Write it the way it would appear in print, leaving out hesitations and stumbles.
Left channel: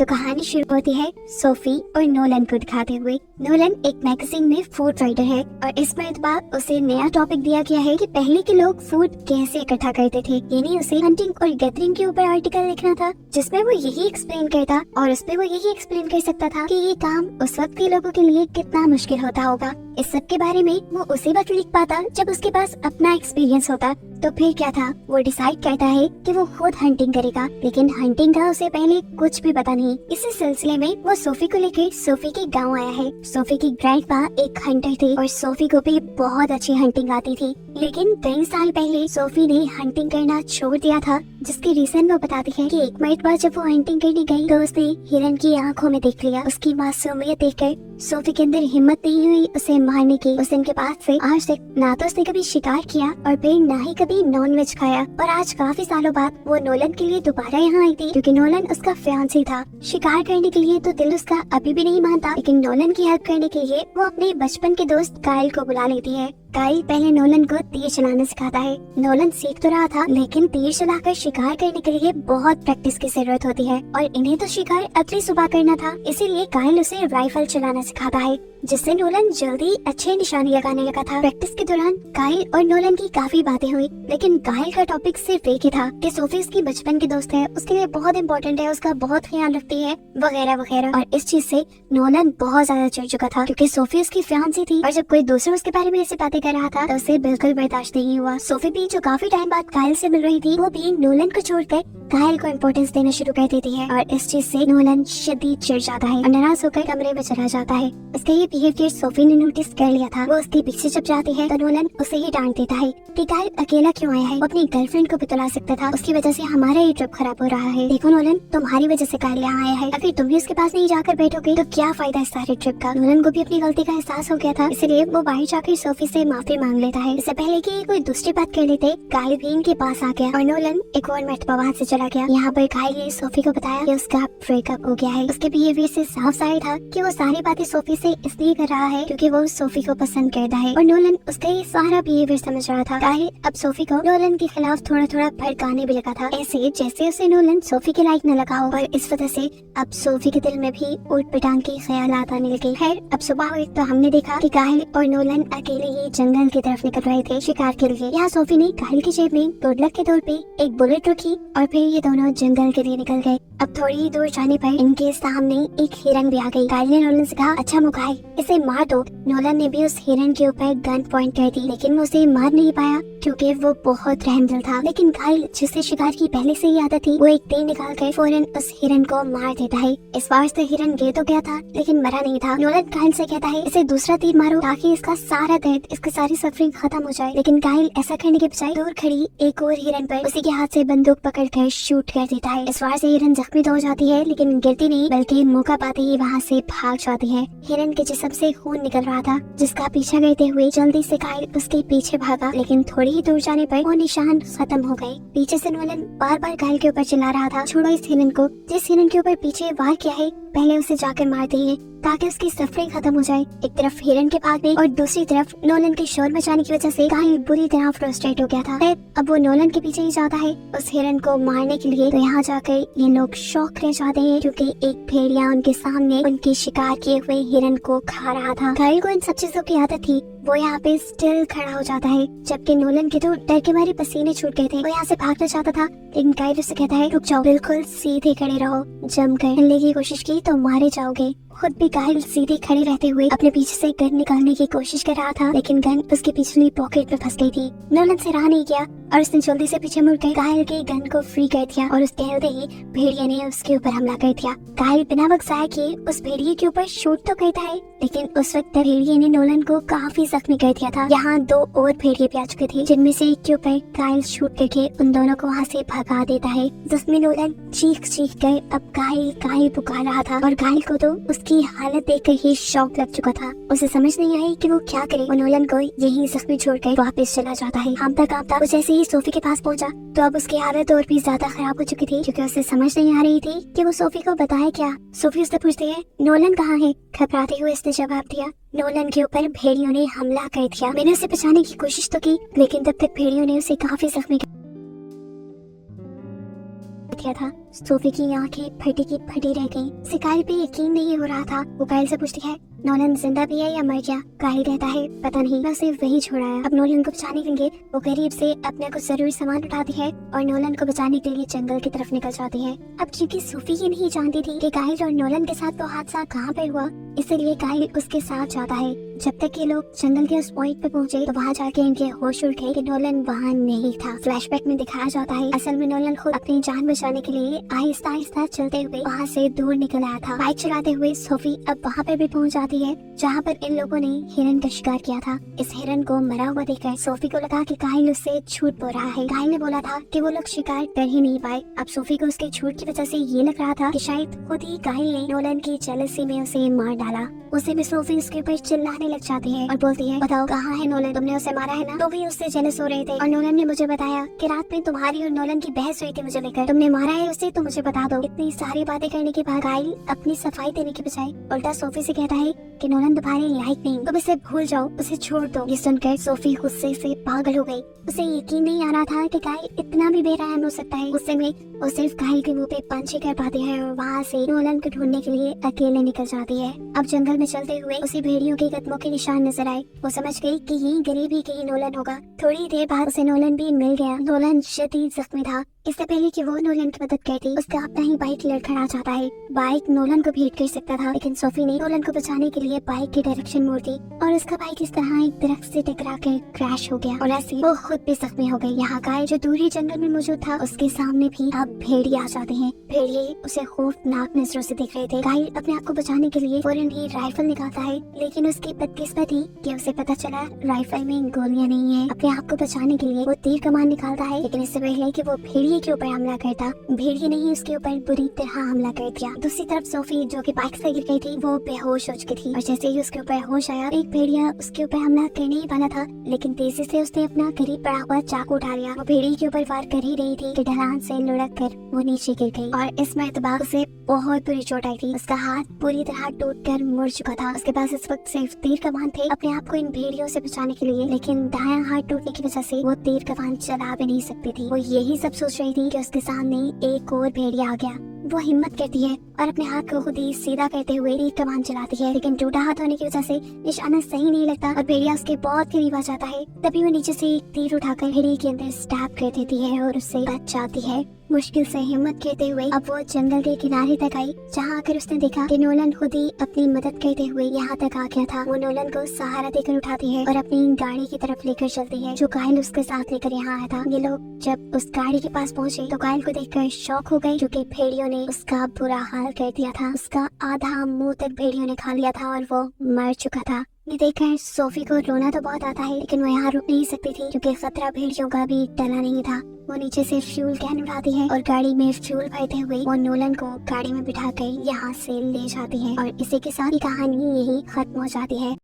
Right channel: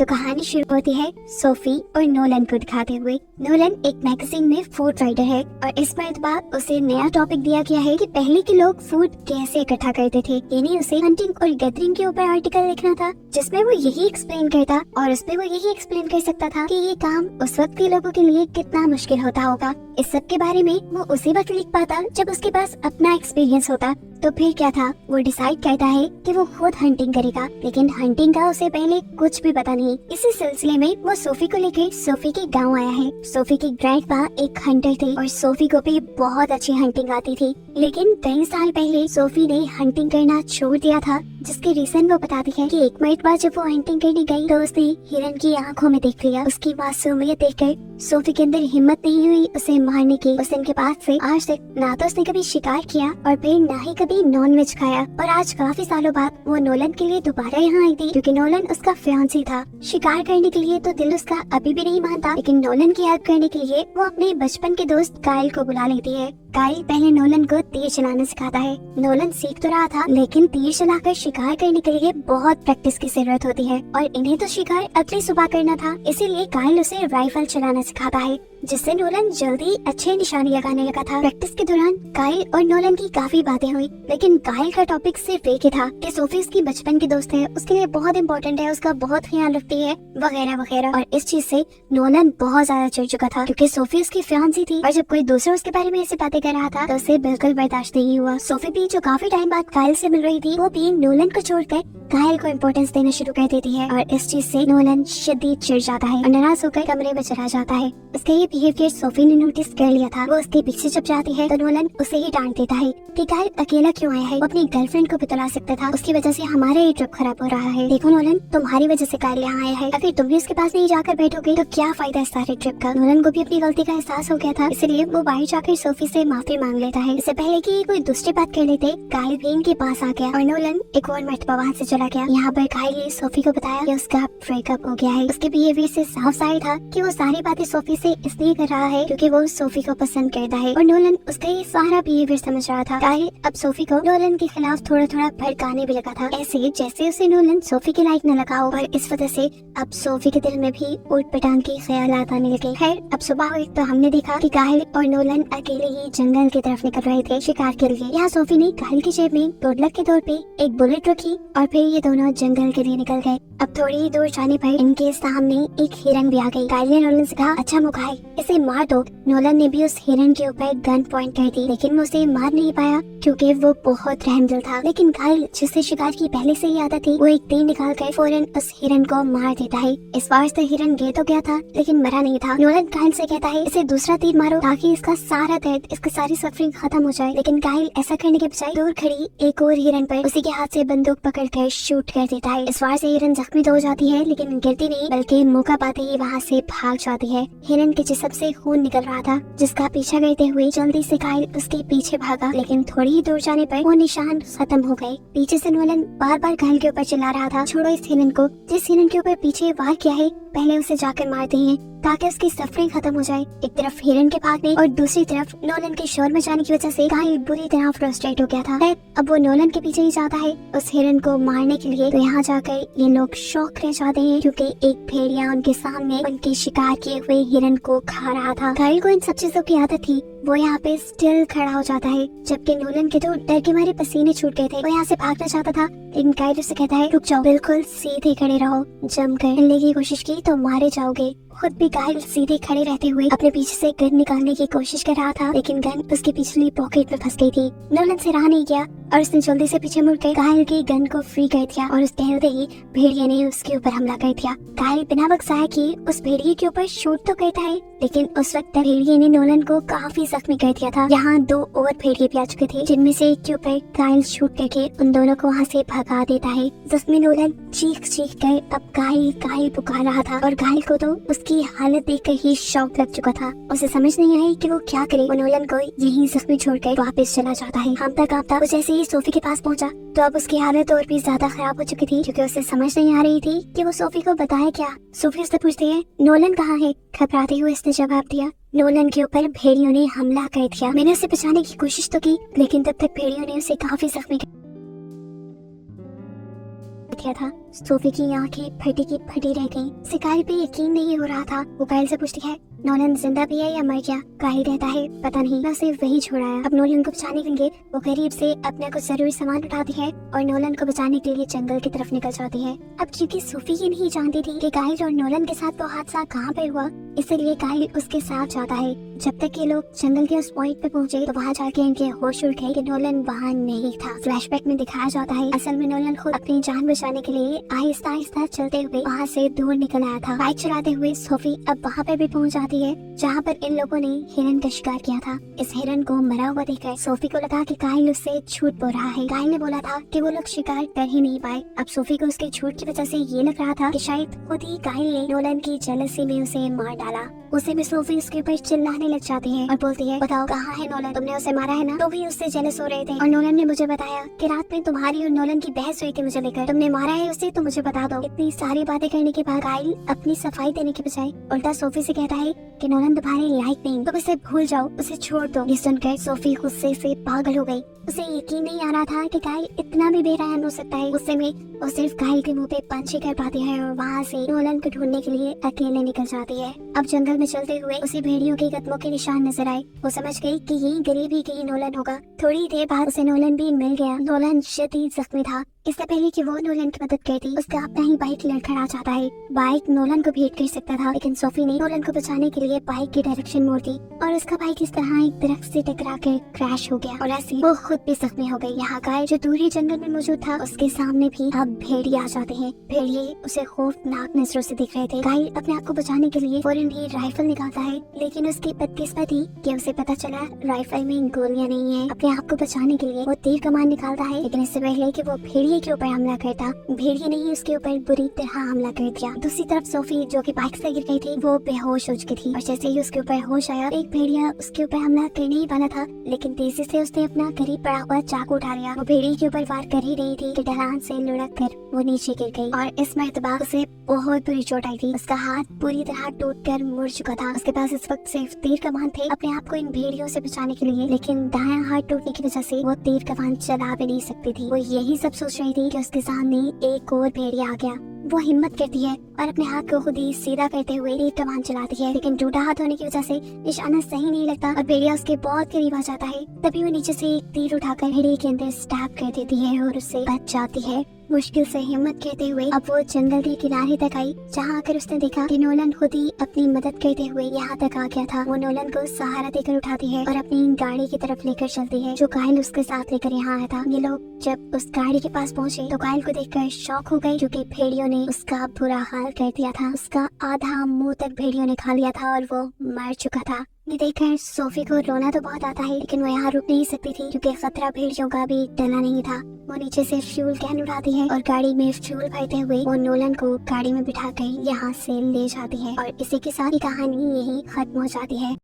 तो कहानी शुरू होती है सोफी और नोलन को दिखाते हुए। नोलन एक मैगजीन में फूड राइटर है और इस मरतबा उसे नया टॉपिक दिया गया है कि पहले के लोग फूड कैसे इकट्ठा करते थे, यानी उसे हंटिंग और गैदरिंग के ऊपर आर्टिकल लिखना था जिसमें वो यही एक्सप्लेन करता और उसमें वो यही एक्सप्लेन कर सकता था कि ये काम उस वक्त के लोगों के लिए कितना मुश्किल होता होगा। इस सब के बारे में वो उसी वक्त लिख पाता जब उसके पास अपना एक्सपीरियंस होता। तो फिर क्या था, वो डिसाइड करता है कि वो खुद हंटिंग करेगा, लेकिन हंटिंग का उसे पहले कुछ भी पता नहीं। इसी सिलसिले में वो सोफी को लेकर सोफी के गांव आया है। सोफी की ग्रैंडपा एक हंटर थे और सोफी को भी बहुत अच्छी हंटिंग आती थी, लेकिन कई साल पहले सोफी ने हंटिंग करना छोड़ दिया था, जिसकी रीजन वो बताती है कि एक मिनट बाद जब वो हंटिंग करने गई तो उसने हिरन की आंखों में देख लिया। उसकी मासूमियत देखकर सोफी के अंदर हिम्मत नहीं हुई उसे मारने की। उस दिन के बाद से आज तक ना तो उसने कभी शिकार किया और फिर ना ही कभी नॉन वेज खाया। और आज काफी सालों बाद वो नोलन के लिए दोबारा यहाँ आई थी, क्योंकि नोलन उसका फियांसी था। शिकार करने के लिए तो दिल उसका अभी भी नहीं मानता, लेकिन नोलन की हेल्प करने के लिए वो अपने बचपन के दोस्त काइल को बुला लेती है। काइल पहले नोलन को तीर चलाना सिखाता है। नोलन सीख तो रहा था, लेकिन तीर चलाकर शिकार करने के लिए बहुत प्रैक्टिस की जरूरत होती है और इन्हें तो शिकार अगली सुबह करना था, इसीलिए काइल उसे राइफल चलाना सिखाता है, जिससे नोलन जल्दी अच्छे निशाने लगाने लगा था। प्रैक्टिस के दौरान काइल और नोलन की काफी बातें हुई, लेकिन काइल का टॉपिक सिर्फ एक ही था कि सोफी उसकी बचपन की दोस्त है, उसके लिए बहुत इंपॉर्टेंट है, उसका बहुत ख्याल रखती है, वगैरह वगैरह। और इस चीज से नोलन बहुत ज्यादा चिढ़ चुका था, क्योंकि सोफी उसकी फियांसी थी और जब कोई दूसरा उसके बारे में ऐसी बातें कर रहा था तो उसे बिल्कुल बर्दाश्त नहीं हुआ। सोफी भी जो काफी टाइम बाद काइल से मिल रही थी, वो भी नोलन को छोड़कर काइल को इम्पोर्टेंस देना शुरू कर देती है और इस चीज से नोलन शदीद चिढ़ जाता है और नाराज होकर कमरे में चला जाता है। उसका ये बिहेवियर सोफी ने नोटिस कर लिया था। वो उसके पीछे जब जाती है तो नोलन उसे ही डांट देता है कि काइल अकेला क्यों आया है, वो अपनी गर्लफ्रेंड को बुला सकता था, उसकी वजह से हमारा ये ट्रिप खराब हो रहा है। देखो नोलन, तुम्हारी वजह से काइल यहाँ आया है, अगर तुम भी उसके पास नहीं जाकर बैठोगे तो क्या फायदा इस सारे ट्रिप का। नोलन को भी अपनी गलती का एहसास हो गया था, इसलिए वो बाहर जाकर सोफी से माफी मांग लेता है। इससे पहले कि कोई दूसरी बात कर लेते, काइल भी इनके पास आ गया और नोलन एक और मरतबा वहाँ से चला गया। यहाँ पर काइल ने सोफी को बताया कि उसका ब्रेकअप हो गया है। उसके बिहेवियर से साफ जाहिर था कि वो सारी बातें सोफी से इसलिए कर रहा है क्योंकि वो सोफी को पसंद करता है और नोलन उसका ये सारा बिहेवियर समझ रहा था। काइल अब सोफी को नोलन के खिलाफ थोड़ा थोड़ा भड़काने भी लगा था, ऐसे जैसे उसे नोलन सोफी के लायक न लगा हो, और इस वजह से अब सोफी के दिल में भी ऊट पटांग के ख्यालात आने लगे। खैर अब सुबह हुई तो हमने देखा कि काइल और नोलन अकेले ही जंगल की तरफ निकल रहे थे शिकार के लिए। यहाँ सोफी ने काइल की जेब में गुड लक के तौर पे एक बुलेट रखी और फिर ये दोनों जंगल के लिए निकल गए। अब थोड़ी ही दूर जाने पर इनके सामने एक हिरन भी आ गई। काइल ने नोलन से कहा, अच्छा मुखाई, इसे मार दो। नोलन ने भी उस हिरन के ऊपर गन पॉइंट कर दी, लेकिन वो उसे मार नहीं पाया क्योंकि वो बहुत रहमदिल था। लेकिन काइल, जिसे शिकार की पहले से ही आदत थी, वो एक तीर निकाल कर फौरन उस हिरन को मार देता है। इस बार से हिरन गिर तो गया था लेकिन मरा नहीं था। नोलन काइल से कहता है, इसे दूसरा तीर मारो ताकि इसका सारा दर्द, इसकी सारी सफरिंग खत्म हो जाए। लेकिन काइल ऐसा करने के बजाय दूर खड़ी एक और हिरन पर उसी के हाथ से बंदूक पकड़कर शूट कर देता है। इस बार से हिरन जख्मी तो हो जाती है, लेकिन गिरती नहीं बल्कि मौका पाते ही वहाँ से भाग जाती है। हिरन के जिस्म से खून निकल रहा था, जिसका पीछा करते हुए जल्दी से काइल उसके पीछे भागा, लेकिन थोड़ी ही दूर जाने पर वो निशान खत्म हो गए। पीछे से नोलन बार बार काइल के ऊपर चिल्ला रहा था, छोड़ो इस हिरन को, जिस हिरन के ऊपर पीछे वार किया है पहले उसे जाकर मार दिए ताकि उसकी सफरिंग खत्म हो जाए। एक तरफ हिरन के भागने और दूसरी तरफ नोलन के शोर में जाने की वजह से काइल बुरी तरह फ्रस्ट्रेट हो गया था। अब वो नोलन के पीछे ही जाता है उस हिरन को मारने के लिए। तो यहाँ जाकर ये लोग शौक रह जाते हैं क्योंकि एक भेड़िया उनके सामने उनके शिकार किए हुए हिरन को खा रहा था। काइल को इन सब चीजों की आदत थी, वो यहाँ पे स्टिल खड़ा हो जाता है, जबकि नोलन के तो डर के मारे पसीने छूट गए थे। वो यहाँ से भागना चाहता था, लेकिन काइल उसे कहता है, रुक जाओ, बिल्कुल सीधे खड़े रहो, जमकर हिलने की कोशिश की तो मारे जाओगे। खुद भी काइल सीधे खड़े रहते हुए अपने पीछे से गन निकालने की कोशिश कर रहा था, लेकिन गन उसकी पिछली पॉकेट में फंस गई थी। नोलन से रहा नहीं गया और उसने जल्दी से पीछे मुड़कर काइल के गन को फ्री कर दिया और उस टहलते ही भेड़िए ने उसके ऊपर हमला कर दिया। काइल बिना वक्त जाए किए उस भेड़िए के ऊपर शूट तो करता है, लेकिन उस वक्त भेड़िए ने नोलन को काफी जख्मी कर दिया था। यहाँ दो और भेड़िए भी आ चुके थे, जिनमें से एक के ऊपर काइल शूट करके उन दोनों को वहाँ से भगा देता है, जिसमें नोलन चीख चीख कर अब काइल काइल पुकार रहा था और काइल को तो उसकी हालत देखकर ही शौक लग चुका था। उसे समझ नहीं आई कि वो क्या करे। वो नोलन को यही जख्मी छोड़कर वापस चला जाता है। कांपता कांपता वो जैसे ही सोफी के पास पहुंचा तो अब उसकी हालत और भी ज्यादा खराब हो चुकी थी, क्योंकि उसे समझ नहीं आ रही थी कि वो सोफी को बताए क्या। सोफी उससे पूछती है, नोलन कहाँ है? घबराते हुए इसने जवाब दिया, नोलन के ऊपर भेड़ियों ने हमला कर दिया। मैंने उसे बचाने की कोशिश तो की, लेकिन तब तक भेड़ियों ने उसे काफी जख्मी दिया था। सोफी की आंखें फटी की फटी रह गईं। उसे काइल पे यकीन नहीं हो रहा था। वो काइल से पूछती है, नोलन जिंदा भी है या मर गया? काइल कहता है, पता नहीं, मैं उसे वही छोड़ाया। अब नोलन को बचाने के लिए वो करीब से अपना कुछ जरूरी सामान उठाती है और नोलन को बचाने के लिए जंगल की तरफ निकल जाती है। अब क्योंकि सोफी ये नहीं जानती थी कि काइल और नोलन के साथ वो हादसा कहाँ पे हुआ, इसलिए काइल उसके साथ जाता है। जब तक ये लोग जंगल के उस पॉइंट पे पहुंचे तो वहाँ जाके इनके होश उड़ गए कि नोलन वहाँ नहीं था। फ्लैशबैक में दिखाया जाता है असल में नोलन खुद अपनी जान बचाने के लिए आहिस्ता आहिस्ता चलते हुए वहाँ से दूर निकल आया था। बाइक चलाते हुए सोफी अब वहाँ पे भी पहुँच जाती है जहाँ पर इन लोगों ने हिरन का शिकार किया था। इस हिरन को मरा हुआ देखकर सोफी को लगा कि काइल उससे झूठ बोल रहा है। काइल ने बोला था कि वो लोग शिकार कर ही नहीं पाए। अब सोफी को उसके झूठ की वजह से ये लग रहा था कि शायद खुद ही काइल ने नोलन की जेलसी में उसे मार डाला। उसे भी सोफी उसके ऊपर चिल्लाने लग जाती है और बोलती है, बताओ कहाँ है नोलन? तुमने उसे मारा है ना? तो भी उससे जेलस हो रहे थे और नोलन ने मुझे बताया कि रात में तुम्हारी और नोलन की बहस हुई थी मुझे लेकर। तुमने मारा है उसे तो मुझे बता दो। इतनी सारी बातें करने के बाद काइल अपनी सफाई देने के बजाय उल्टा सोफी से कहता है कि नोलन तुम्हारे लायक नहीं, तुम इसे भूल जाओ, उसे छोड़ दो। ये सुनकर सोफी गुस्से से पागल हो गई। उसे यकीन नहीं आ रहा था कि काइल इतना भी बेरहम हो सकता है। गुस्से में वो सिर्फ काइल के मुंह पे पंच ही कर पाती है और वहाँ से नोलन को ढूंढने के लिए अकेले निकल जाती है। अब जंगल में चलते हुए उसे भेड़ियों के कदमों के निशान नजर आए। वो समझ गई कि ये गरीब ही कहीं नोलन होगा। थोड़ी देर बाद उसे नोलन भी मिल गया। नोलन शदीद जख्मी था। इससे पहले कि वो नोलन की मदद करती, उसका अपना ही बाइक लड़खड़ा जाता है। बाइक नोलन को भेंट कर सकता था, लेकिन सोफी ने नोलन को बचाने के लिए बाइक की डायरेक्शन मोड़ दी और उसका बाइक इस तरह एक दरख्त से टकरा कर क्रैश हो गया और ऐसे वो खुद भी जख्मी हो गई। यहाँ काइल जो दूर ही जंगल में मौजूद था, उसके सामने भी अब भेड़िए आ जाते हैं। भेड़िए उसे खौफनाक नजरों से देख रहे थे। काइल अपने आप को बचाने के लिए फौरन ही राइफल निकालता है, लेकिन उसकी बदकिस्मती कि उसे पता चला राइफल में गोलियां नहीं है। अपने आप को बचाने के लिए वो तीर कमान निकालता है, लेकिन इससे पहले कि वो भेड़िए के ऊपर हमला करता, भेड़िए ने ही उसके ऊपर बुरी तरह हमला कर दिया। दूसरी तरफ सोफी जो कि बाइक से गिर गई थी, वो बेहोश हो चुकी थी और जैसे ही उसके ऊपर होश आया, एक भेड़िया उसके ऊपर हमला करने ही वाला था, लेकिन तेजी से उसने अपना करीब पड़ा हुआ चाकू उठा लिया। वो भेड़िए के ऊपर वार कर ही रही थी कि ढलान से लुढ़क कर वो नीचे गिर गई और इस मर्तबा उसे बहुत बुरी चोट आई थी। उसका हाथ पूरी तरह टूटकर मुड़ चुका था। उसके पास इस वक्त सिर्फ तीर कमान थे अपने आप को इन भेड़ियों से बचाने के लिए, लेकिन दायां हाथ टूटने की वजह से वो तीर कमान चला भी नहीं सकती थी। वो यही सब सोच रही थी कि उसके सामने एक और भेड़िया आ गया। वो हिम्मत करती है और अपने हाथ को खुद ही सीधा करते हुए तीर कमान चलाती है, लेकिन टूटा हाथ होने की वजह से निशाना सही नहीं लगता और भेड़िया उसके बहुत करीब आ जाता है। तभी वो नीचे से एक तीर उठाकर भेड़िए के अंदर स्टैब कर देती है और उससे बच जाती है। मुश्किल से हिम्मत करते हुए अब वो जंगल के किनारे तक आई, जहाँ आकर उसने देखा कि नोलन खुद ही अपनी मदद करते हुए यहाँ तक आ गया था। वो नोलन को सहारा देकर उठाती है और अपनी गाड़ी की तरफ लेकर चलती है, जो काइल उसके साथ लेकर यहाँ आया था। ये लोग जब उस गाड़ी के पास पहुँचे तो काइल को देखकर शॉक हो गई, क्योंकि भेड़ियों ने उसका बुरा हाल कर दिया था। उसका आधा मुंह तक भेड़ियों ने खा लिया था और वो मर चुका था। ये देखकर सोफी को रोना तो बहुत आता है, लेकिन वो यहाँ रुक नहीं सकती थी क्योंकि खतरा भेड़ियों का भी टला नहीं था। वो नीचे से फ्यूल कैन उठाती है और गाड़ी में फ्यूल भरते हुए वो नोलन को गाड़ी में बिठाकर यहाँ से ले जाती है और इसी के साथ ही कहानी यही खत्म हो जाती है।